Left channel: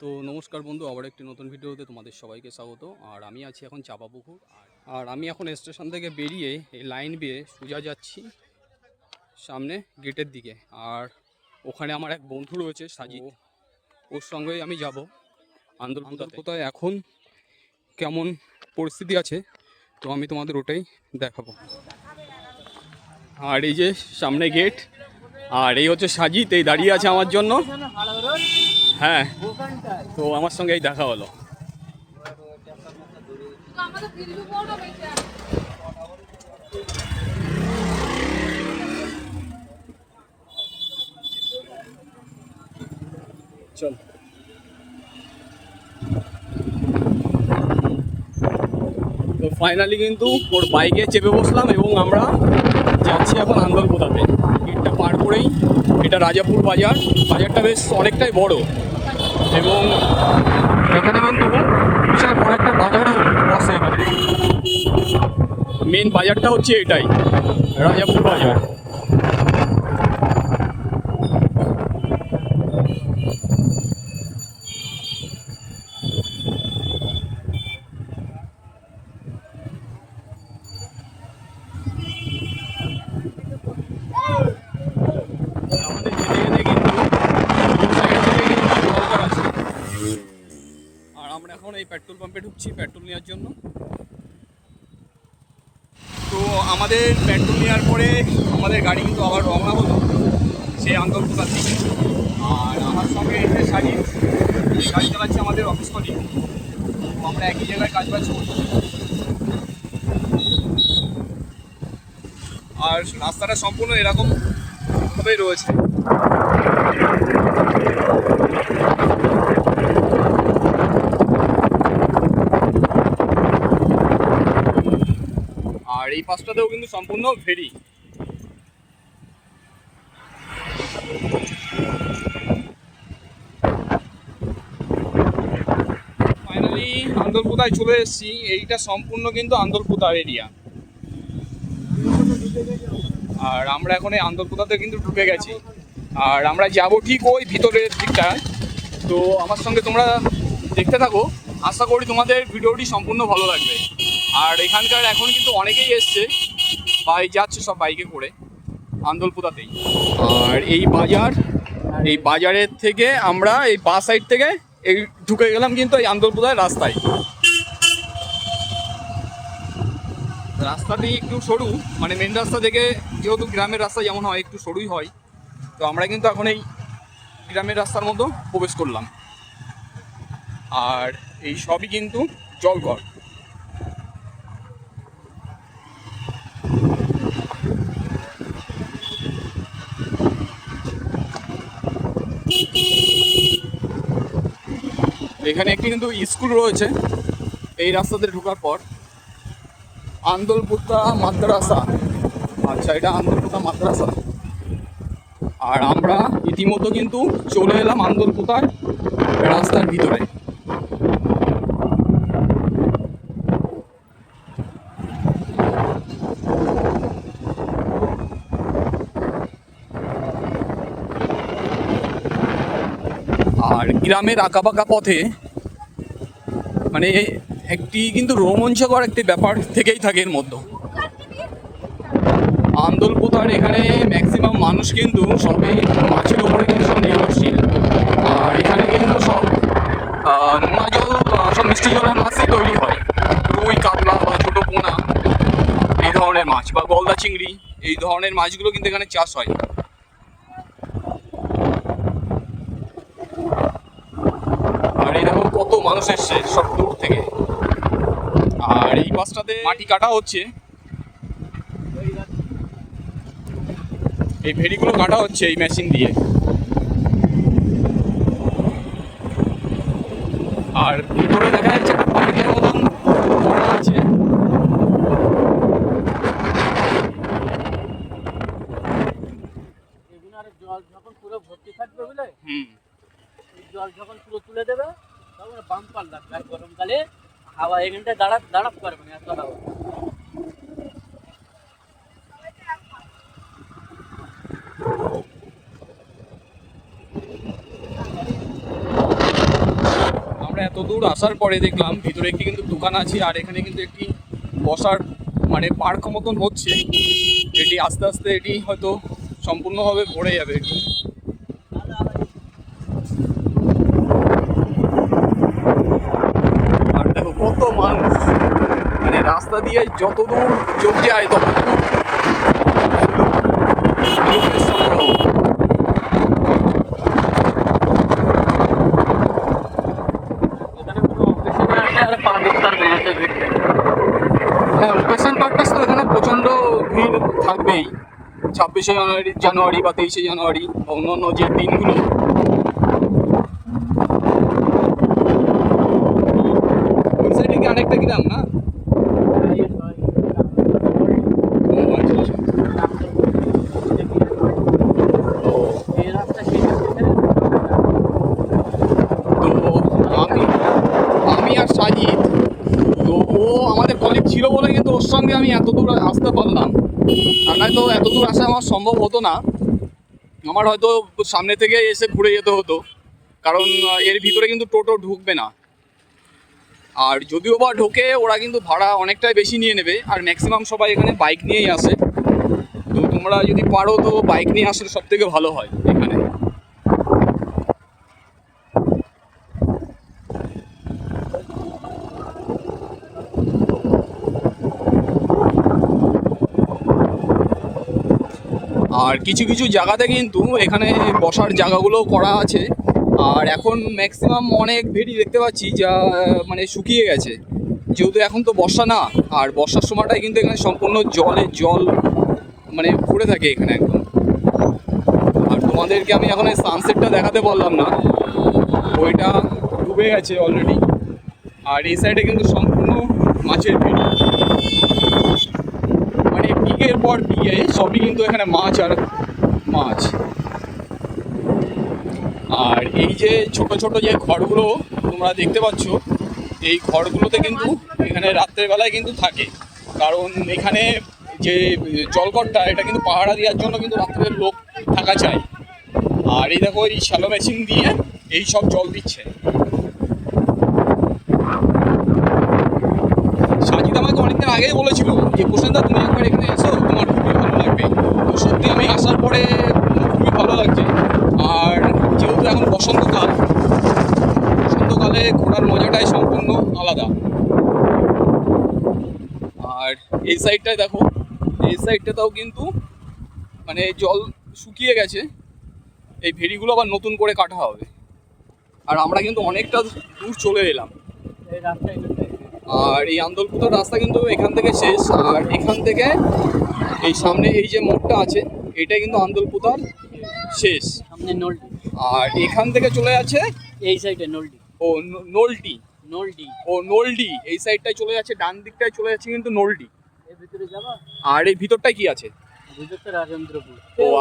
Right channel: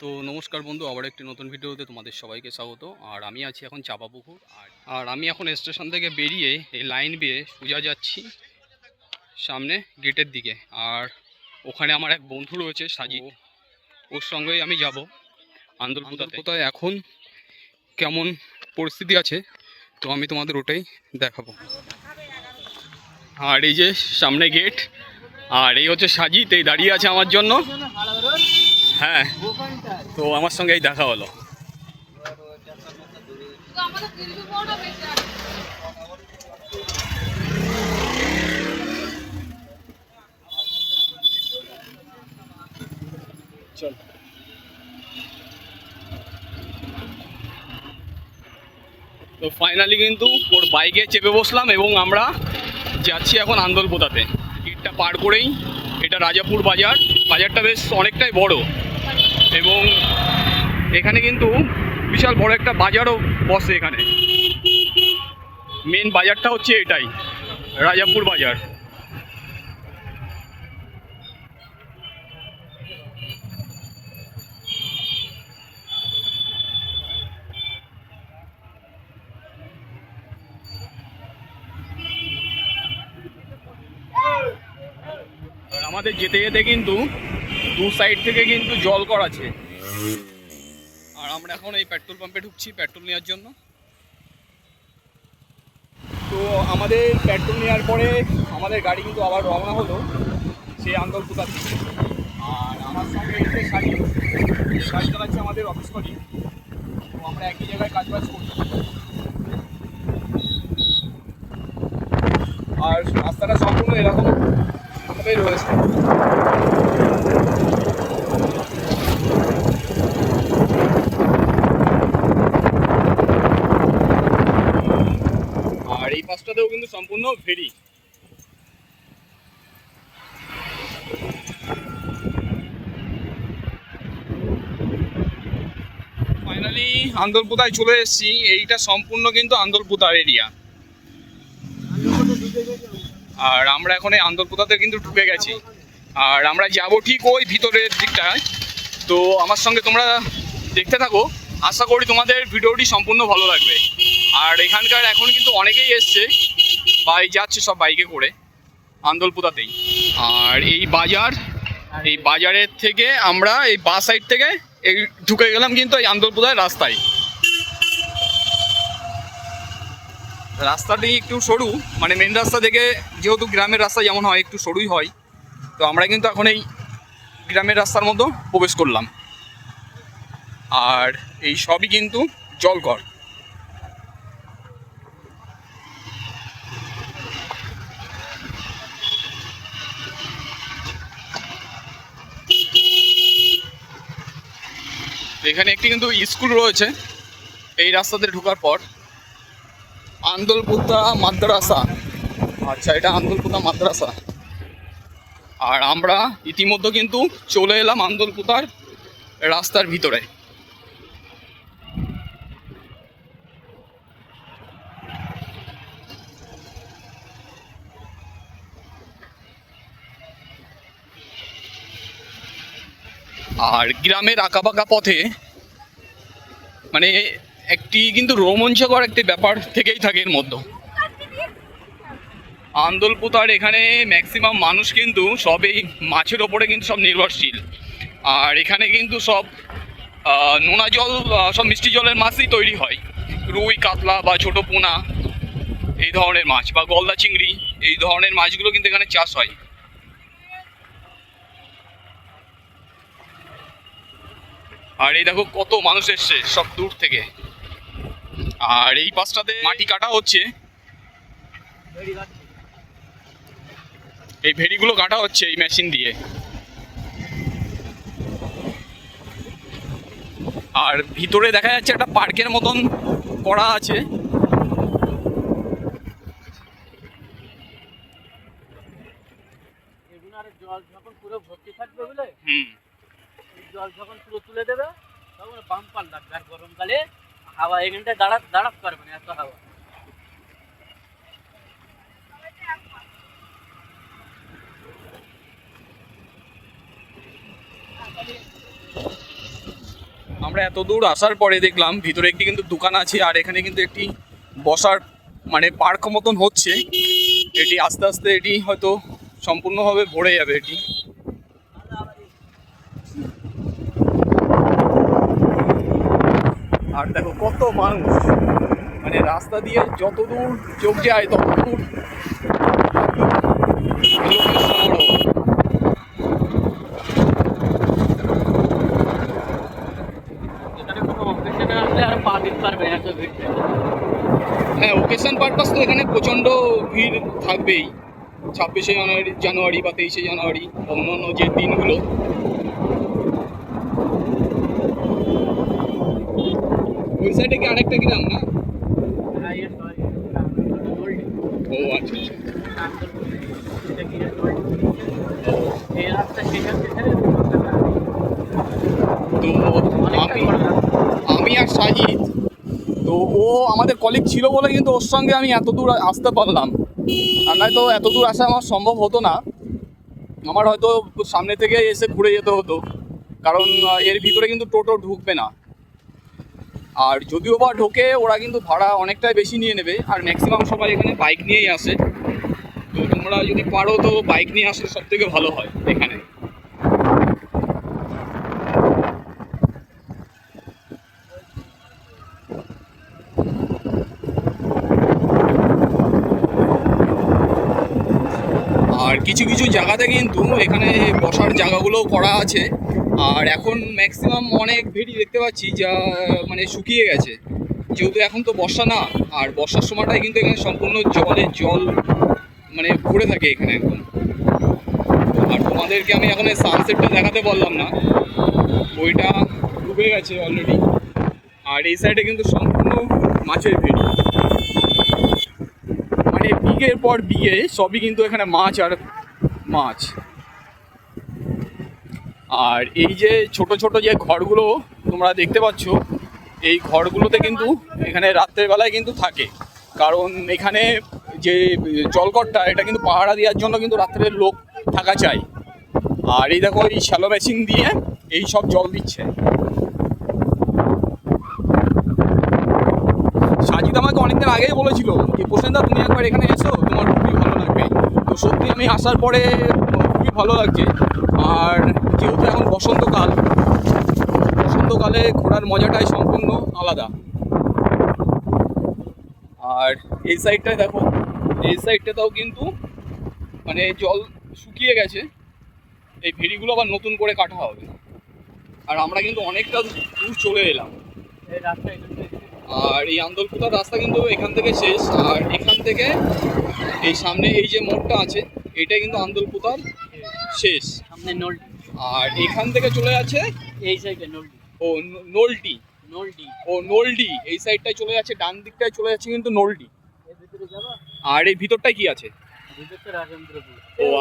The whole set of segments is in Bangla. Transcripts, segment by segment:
তো নমস্কার বন্ধু আবার একটি নতুন ভিডিওতে তোমাদের সবাইকে স্বাগত। আর আমি আছি এখন চাপাপুকুর আর আর আমি এখন স্টেশন থেকে বেরিয়ে এই লাইন বেয়ে সোজা যাচ্ছি সামনে গেটের দিকে। আর ওখানে আমার এক বন্ধু রয়েছে সাজিদ ওর সঙ্গেই আমি যাব আন্দোলন কোথায় এখন কেমন পরিস্থিতি আছে তো আমি তোমাদের ওটাই দেখাবো। আর এই যে সামনে গেট আর এই হচ্ছে সাজিদ এই দাঁড়িয়ে আছে আমার জন্য। হ্যাঁ তো আমার সঙ্গে এই দেখা হলো। তো ফাইনালি কিন্তু ওর বাইকে চেপে বসলাম এবং আমরা যাচ্ছি এখন আন্দরপোতাতে গেটটা পার করেই, এটা রাজাপুর বাজার। বাজারটা বেশ অনেকটাই বড়। এবং এখানে কিন্তু বিশাল বড় একটা বাজারও বসে এখানে। মেন বাজারটা হচ্ছে এটাই, রাজাপুর বাজার আর আমাদের যেতে যেতে কিন্তু দু সাইড থেকে কিন্তু জল কর আছে আর আমরা এখন এই ঢুকছি পেট্রোল নেওয়ার জন্য। তো আমাদের পেট্রোল নেওয়ার পরে আমাদের গাড়ি কিন্তু আবার রওনা হলো সেই আন্দোলনপুর দিকে আর আমার সঙ্গে এই শাড়ি কাজ চালাচ্ছে আমাদের অফিস কলিগ আমরা একই জায়গায় কাজ বাজ করতে। আর রাস্তাটা সম্পূর্ণ এরকম ভাবেই রয়েছে। আর কিন্তু সম্পূর্ণ ভেরি। ফাইনালি আন্দরপুতায় চলে এসেছি। এইটা সম্পূর্ণ কিন্তু আন্দরপুতার এরিয়া আর আমরা এখন এই আন্দরপুতাতে কিন্তু ঢুকে গেছি। আর আমরা যাব ঠিক ওই ভিতরের দিকটায়। তো আমার সঙ্গে তোমরা দেখতে থাকো। আশা করি তোমাদের ভিডিওটি সম্পূর্ণ ভালো লাগবে। আর এখানকার এখন কিন্তু অনেকেই এসছে। বাই যাচ্ছে সব বাইকে করে, আন্দোলপুতাতেই। আর এই বাজার, এই বাজারের থেকে আমরা এই বা সাইড থেকে এই ঢুকে গেলাম কিন্তু এই আন্দোলপুতার রাস্তায়। রাস্তাটি একটু সরু মানে মেন রাস্তা থেকে যেহেতু গ্রামের রাস্তা যেমন হয়, একটু সরুই হয়, তো আমরা কিন্তু এখন এই গ্রামের রাস্তার মতো প্রবেশ করলাম। আর এই সবই কিন্তু জলকর এখানে একটি কিন্তু স্কুল রয়েছে। এই রাস্তাতে ঢোকার পর আন্দোলপুতা মাদ্রাসা। আচ্ছা এটা আন্দোলপুতা মাদ্রাসা। আর আমরা ইতিমধ্যে কিন্তু চলে এলাম আন্দোলপুতার রাস্তার ভিতরে। আর গ্রামের আঁকাবাঁকা পথে মানে একটি কিন্তু রোমাঞ্চকর একটি ব্যাপার থেকেই থাকে এর মধ্যে। আন্দোলপুতার এখানে ম্যাক্সিমাম মানুষ কিন্তু সবই মাছের ওপরে কিন্তু সব নির্ভরশীল। আর এখানে কিন্তু সব নোনা জল সব মিষ্টি জলের মাছই তৈরি হয়। রুই, কাতলা বা ছোটো পোনা, এই ধরনের মাছ বা গলদা চিংড়ি, এই ধরনের মাছগুলো কিন্তু এখানে চাষ হয় আর এই দেখো কত মানুষ এসছে সব দূর থেকে। আর এই পাশটাতে মাটি কাটা হচ্ছে। এই ভেড়িগুলো কাটা হচ্ছে এই মেশিন দিয়ে। আর ভিতরে দেখা যাচ্ছে একটা পার্কের মতন করা আছে। জল যখন পুরো ভর্তি থাকবে বুঝলে? হুম। জল যখন পুরো তুলে দেবে বাম্পার লাগবে আর গরমকালে হাওয়া এখানটায় দাঁড়াত দাঁড়াত পারবে না এত হাওয়া। আমরা এত দূর আসার পরে দেখলাম ভিতরে একটি কিন্তু দোকান আছে, আর এখানে কিন্তু একটি বসার মানে পার্ক মতন হচ্ছে। এটি আস্তে আস্তে এটি হয়তো সম্পূর্ণভাবে ভরে যাবে এটি আর দেখো কত মানুষ মানে রাস্তা দিয়ে যত দূর চোখ যায় তত দূর লোকের সমারোহ। এখানে কোনো অকেশন আসলে আর পা দিতে পারবে না, এত ভিড় থাকে। হ্যাঁ ওকেশন পারপাস তো এখানে প্রচণ্ড ভিড় থাকবেই ছাব্বিশে জানুয়ারি জানুয়ারি বা তেইশে জানুয়ারি অন্যান্য যে দিনগুলো ওই সাইডে কি আরেকটা গ্রাম না আর এর সবাই ও আচ্ছা আচ্ছা। ও এই রাস্তা শেষ হচ্ছে তো আমি আমি আর সাজিদ। তো ও আমাদের কলিগ ছিল বলে কিন্তু ওর সঙ্গে আমি এত দূর আসতে পারলাম। আর নয়তো এত দূর আসা আমার সম্ভব হতো না। আমার হয়তো সামনে থেকে এসে ঘুরে যেতে হতো। কারণ এর ভিতরে কিন্তু টোটো ঢুকবে না। আর যদিও বা ঢোকে, ওরা কিন্তু ভাড়া অনেকটাই বেশি নিয়ে নেবে। আর ম্যাক্সিমাম সবাই এখানে বাইক নিয়েই আসে। তো তোমরা যদি পারো তো বাইক নিয়ে আসলে সব থেকে ভালো হয় এখানে। আর কিছু কিছু জায়গাতে কিন্তু এখানে বসার জায়গাগুলো করা আছে। আর এখন ম্যাক্সিমাম অনেক ভেড়ি দেখতে পাচ্ছি যা মানে শুকিয়ে গেছে। যেহেতু এখন তো বর্ষা না, আর বর্ষার সময়টাই কিন্তু এখানে সম্পূর্ণ জলে জল মানে ভরে থাকে এখানে একদম। আর তোমাদেরকে আমি এখন সানসেটটা দেখাতে পারলাম না। ওইটা ডুবে গেছে অলরেডি আর এই সাইডে কিন্তু সম্পূর্ণ মাছের ভেড়ি। মানে বিঘের পর বিঘে সবই কিন্তু এখানে মাছ আর মাছ। আর এই যে ছোট ছোট যে ঘরগুলো তোমরা দেখতে পাচ্ছ, এই ঘরগুলোতে কিন্তু এখানে রাত্রের বেলায় কিন্তু থাকে। কারণ এখানে যে জলকটটা, এটা কিন্তু পাহারা দেওয়ার জন্য কিন্তু রাত্রের লোক থাকা চাই। আর এই দেখো, এই শ্যালো মেশিন দিয়ে এই সব জল দিচ্ছে। সাজিদ আমাকে অনেকদিন আগেই বলেছিল যে, প্রসেনদা, তুমি একবার এখানে এসো, তোমার খুবই ভালো লাগবে। তো সত্যি আমি আসার পরে খুবই ভালো লাগছে। আর যেহেতু এখন বসন্তকাল, বসন্তকালে ঘোরার মজাটাই সম্পূর্ণ আলাদা। আর এই সাইডটায় দেখো, এই সাইডটাতেও কিন্তু মানে জল শুকিয়ে গেছে। এই ভেড়িগুলো আবার নতুন করে কাটা হবে। আর আমরা কিন্তু অনেকটা দূর চলে এলাম। আর এই আন্দোলপুতার রাস্তা কিন্তু এখান থেকে শেষ। আর এখান থেকে এই সামনে এই যে মোড়টা আছে এটা কিন্তু আন্দোলপুতার শেষ। সামনে নলডি। আর এখান থেকে চলে যাচ্ছে? এই সাইডে নলডি। ও ন- নলটি নলডি। ও নলডি। এই সাইডটায় চলে যাচ্ছে ডান দিকটায় চলে যাচ্ছে কিন্তু নলডি। আর এই ভিতরটায় কি আছে? ও,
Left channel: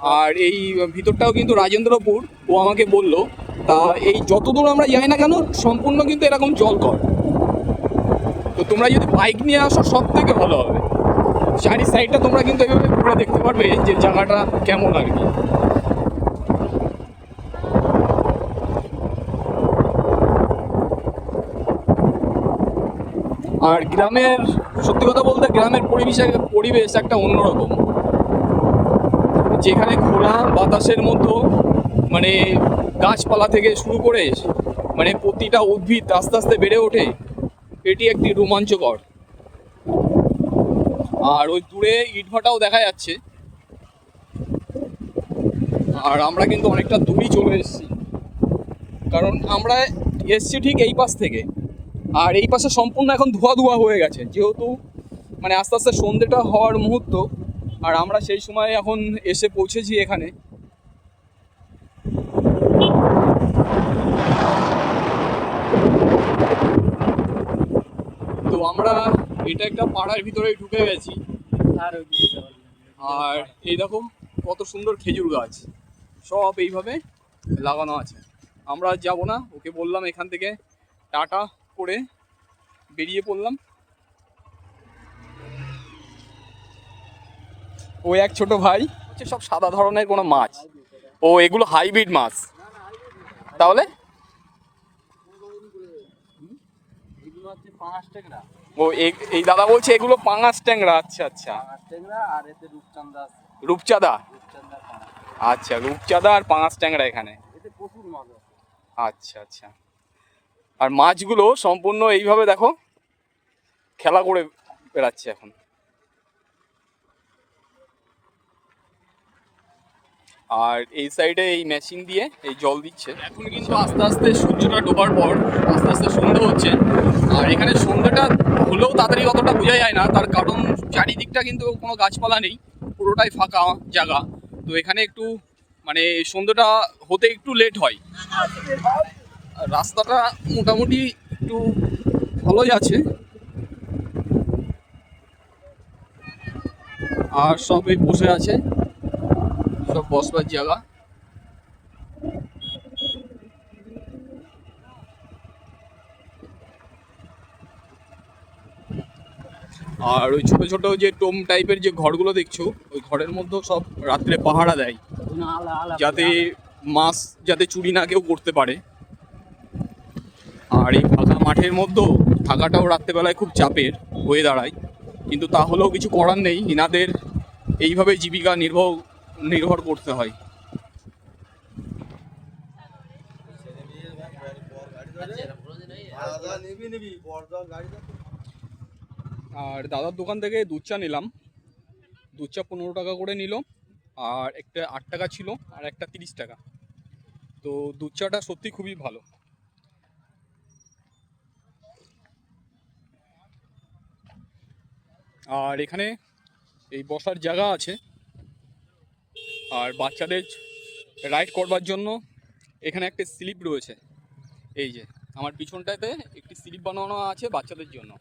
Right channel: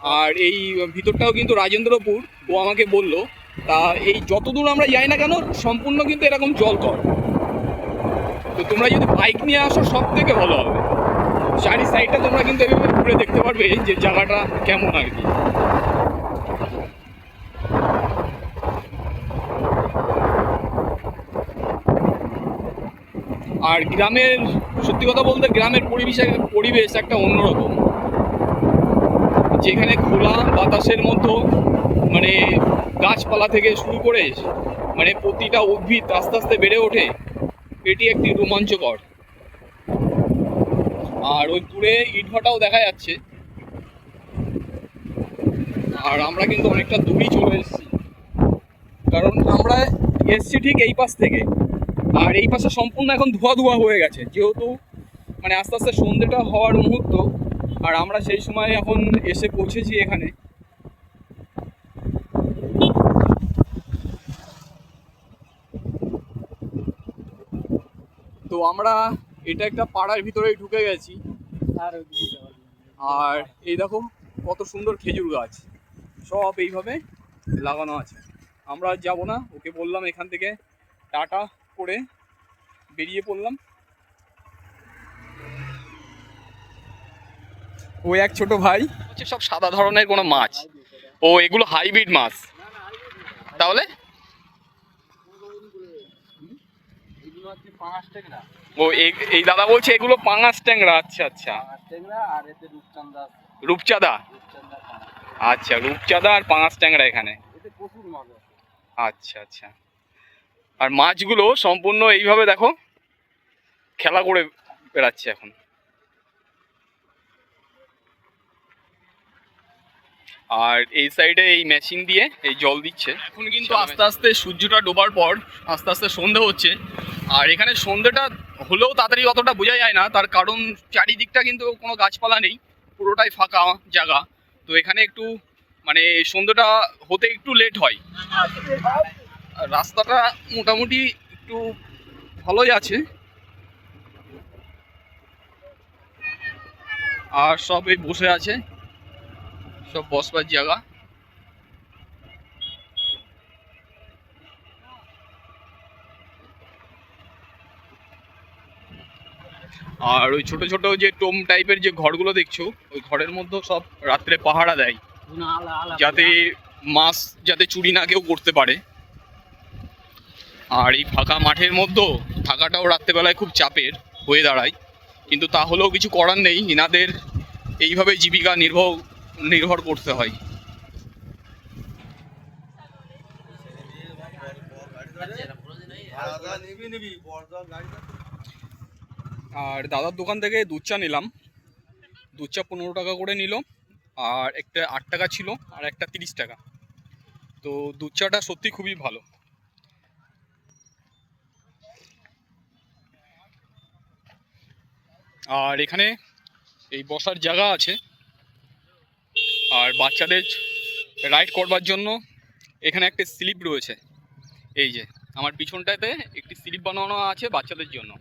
আর এই ভিতরটাও কিন্তু রাজেন্দ্রপুর। ও আমাকে বলল তা এই যতদূর আমরা যাই না কেন সম্পূর্ণ কিন্তু এরকম জল কর। তো তোমরা যদি বাইক নিয়ে আসো সব থেকে ভালো হবে। চারি সাইডটা তোমরা কিন্তু এভাবে ঘুরে দেখতে পারবে যে জায়গাটা কেমন আর কি। আর গ্রামের, সত্যি কথা বলতে গ্রামের পরিবেশ পরিবেশ একটা অন্যরকম। যেখানে খোলা বাতাসের মতো মানে গাছপালা থেকে শুরু করে মানে প্রতিটা উদ্ভিদ আস্তে আস্তে বেড়ে ওঠে, এটি একটি রোমাঞ্চকর। আর ওই দূরে ইটভাটাও দেখা যাচ্ছে। আর আমরা কিন্তু অনেকটা দূরই চলে এসেছি। কারণ আমরা এসছি ঠিক এই পাশ থেকে। আর এই পাশে সম্পূর্ণ এখন ধোয়া ধোয়া হয়ে গেছে। যেহেতু মানে আস্তে আস্তে সন্ধ্যেটা হওয়ার মুহূর্ত, আর আমরা সেই সময় এখন এসে পৌঁছেছি এখানে। তো আমরা এটা একটা পাড়ার ভিতরেই ঢুকে গেছি। আর। আর এই দেখো কত সুন্দর খেজুর গাছ। সব এইভাবে লাগানো আছে। আমরা আর যাব না ওকে বললাম এখান থেকে টাটা করে বেরিয়ে পড়লাম। ও এক ছোট ভাই। সব সাদা ধরনের কোনো মাছ। ও এগুলো হাইব্রিড মাছ। তাহলে? পাঁচ ট্যাংরা ও এই- এই দাদা বলছে এগুলো পাঙাশ ট্যাংরা। আচ্ছা আচ্ছা। রূপচাঁদা আচ্ছা রূপচাঁদা আর পাঙাশ ট্যাংরা এখানে। আচ্ছা আচ্ছা। আর মাছগুলো সম্পূর্ণ এইভাবে দেখো খেলা করে বেড়াচ্ছে এখন। আর এই সাইডে এই মেশিন দিয়ে এই জল দিচ্ছে। এখন কিন্তু আস্তে আস্তে সূর্যটা ডোবার পর আস্তে আস্তে সন্ধে হচ্ছে। আর এখানে সন্ধেটা হলেও তাড়াতাড়ি অতটা বোঝা যায় না। তার কারণ চারিদিকটা কিন্তু কোনো গাছপালা নেই। পুরোটাই ফাঁকা জায়গা। তো এখানে একটু মানে সন্ধেটা হতে একটু লেট হয়। রাস্তাটা মোটামুটি একটু ভালোই আছে। আর সবই বসে আছে। সব বসবার জায়গা। আর ওই ছোট ছোট যে টোম টাইপের যে ঘরগুলো দেখছ, ওই ঘরের মধ্যেও সব রাত্রে পাহারা দেয়। যাতে মাছ যাতে চুরি না কেউ করতে পারে। আর এই ফাঁকা মাঠের মধ্যেও থাকাটাও রাত্রেবেলায় খুব চাপের হয়ে দাঁড়ায়। কিন্তু তাহলেও কিছু করার নেই। ইনাদের এইভাবে জীবিকা নির্ভর নির্ভর করতে হয়। আর দাদার দোকান থেকে দুধ চা নিলাম। দুধ চা পনেরো টাকা করে নিল, আর একটা আট টাকা ছিল, আর একটা তিরিশ টাকা। তো দুধ চাটা সত্যি খুবই ভালো। আর এখানে এই বসার জায়গা আছে। আর বাচ্চাদের রাইড করবার জন্য এখানে একটা স্লিপ রয়েছে। এই যে আমার পিছনটাতে একটি স্লিপ বানানো আছে বাচ্চাদের জন্য।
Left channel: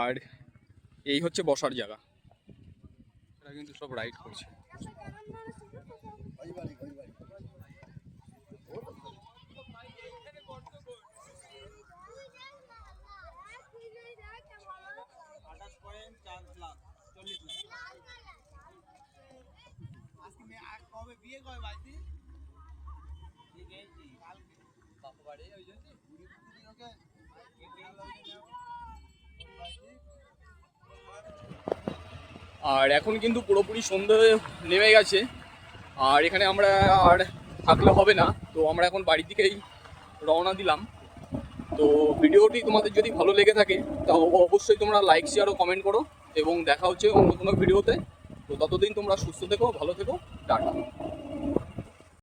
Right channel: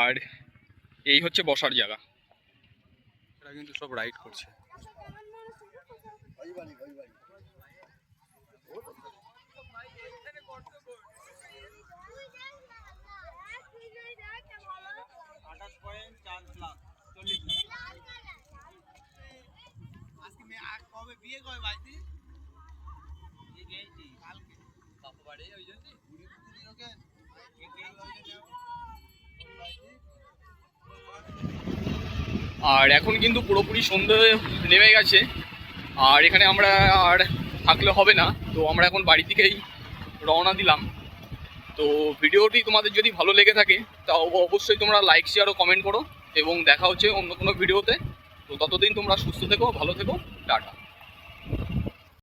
আর এই হচ্ছে বসার জায়গা। এরা কিন্তু সব রাইড করছে। আর এখন কিন্তু পুরোপুরি সন্ধে নেমে গেছে। আর এখানে আমরা আর থাকলে হবে না। তো আমরা এখন বাড়ি থেকেই রওনা দিলাম। তো ভিডিওটি তোমাদের যদি ভালো লেগে থাকে তাও অবশ্যই তোমরা লাইক শেয়ার ও কমেন্ট করো। এবং দেখা হচ্ছে অন্য কোনো ভিডিওতে। তো ততদিন তোমরা সুস্থ থেকো ভালো থেকো টাটা।